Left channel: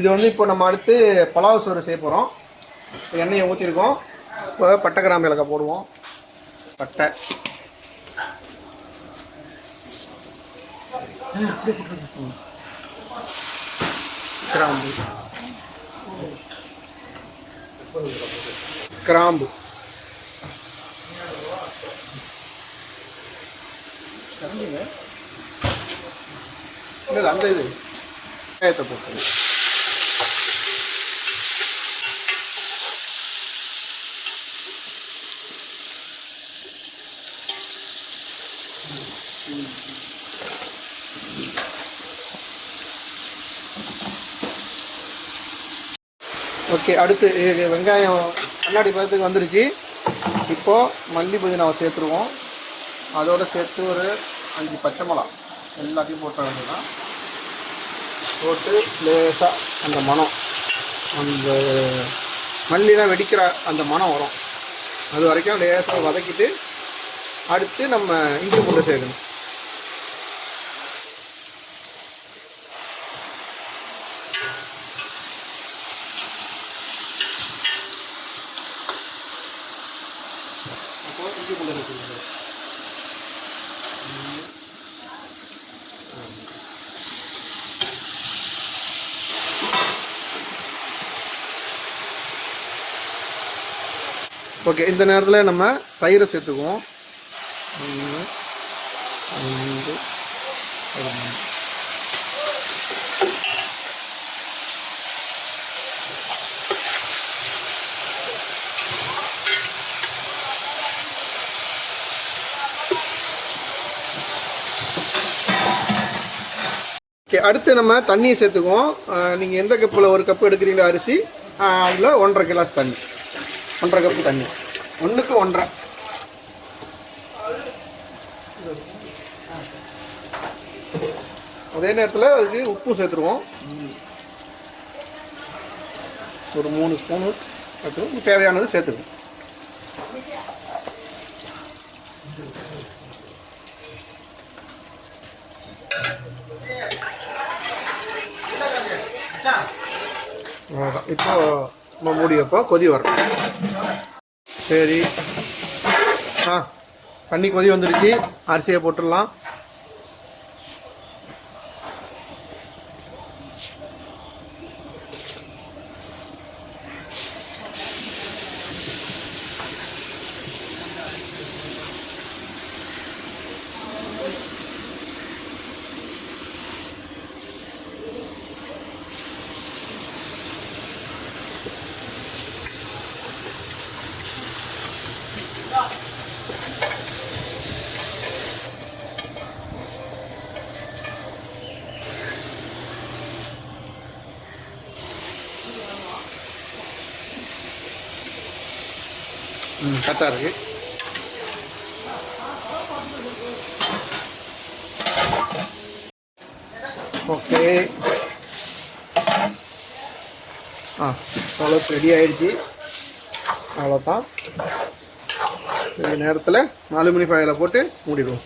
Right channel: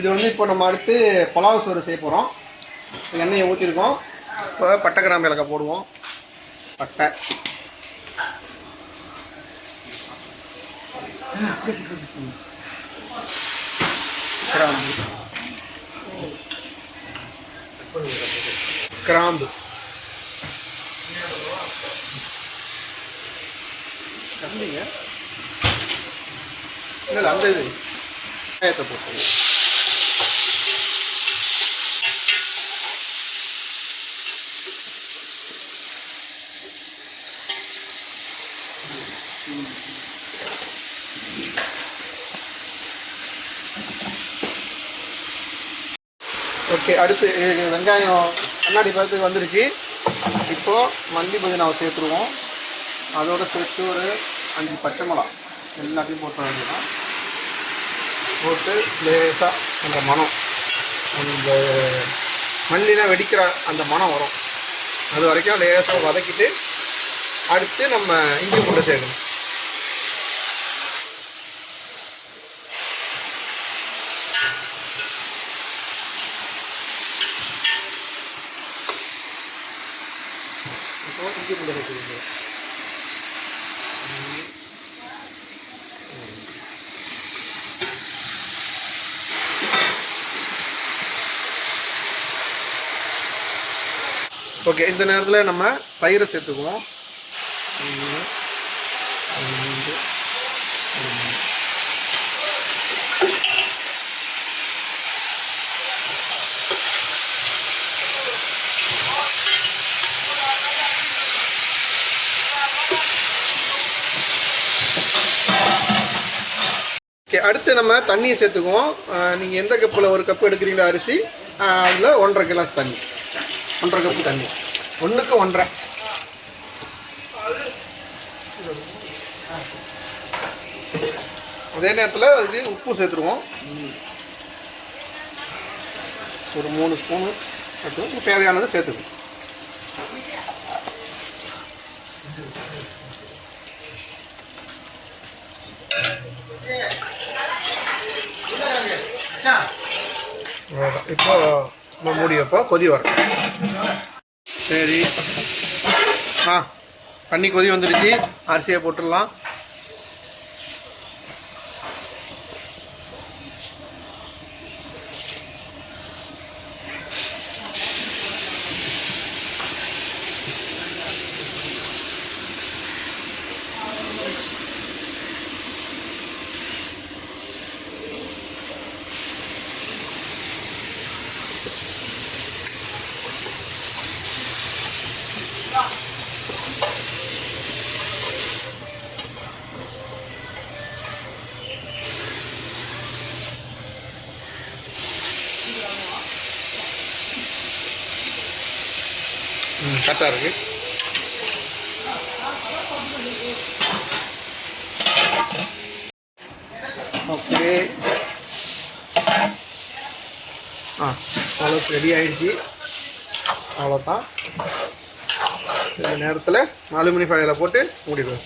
இது வந்து இப்போ நம்ம அடுத்து பலாவ் சோறு செய்ய போகிறோம். எண்ணெயை ஊற்றிருக்கோம். இப்போ பட்டை கிராம்பு ஏலக்காய் போடுவோம். பட்டை கிராம்பு கிராம்பு தம்பிங்க இல்லை அந்த இது வெங்காயத்தை போட்டு ஓகே. அடுத்து வெங்காயம் கண்ணாடி பதத்துக்கு வந்துருச்சு. இப்போது மல்லி புதினாவை சேர்த்துருவோம். அதோடு சேர்த்து ஒரு 5 பச்சை மிளகா எல்லாத்தையும் போட்ட வேண்டியதான். போட்டு லேசாக அந்த மணம், அந்த மல்லிலாம் வெடிக்கிற அந்த மணம் வரும். அது வரைக்கும் லேசாக வதக்கிட்டு அடுத்து நம்ம இஞ்சி பூண்டு சேர்க்கணும். இப்போ இஞ்சி பூண்டு சேர்த்துக்கணும். ஓகே. இந்த நேரத்தில் நம்ம தயிரை சேர்த்துக்குவோம். 1 2 3 ஓகே. அடுத்து நம்ம தண்ணியை சேர்த்துக்குவோம். நீங்கள் எந்த கப்பில் 1 கப்பு எடுக்கிறீங்களோ அரிசி, அதில் 1.5 கிளாஸ் தண்ணி, 1.5 கப்பு தண்ணி, 1க்கு 1.5. அதே நேரத்தில் அதுக்கு உப்பு சேர்த்துருவோம். ஒரு 3 ஸ்பூனு சேர்த்துவோம். தேவையானது சேர்த்துக்குவோம். இப்போ நம்ம மூடி வைப்போம். கொதி வரும். சரி, தண்ணி கொதி வந்துருச்சு. அரிசியை போட்டுடலாம். கரெக்டாக இருக்கு. ஓகே. அவ்வளோ ரெடி ஆகிடுச்சு. அவ்வளோதான். இந்த நேரத்தில் அலுமினியம் ஃபாயிலை போட்டு மூடிடுவோம்.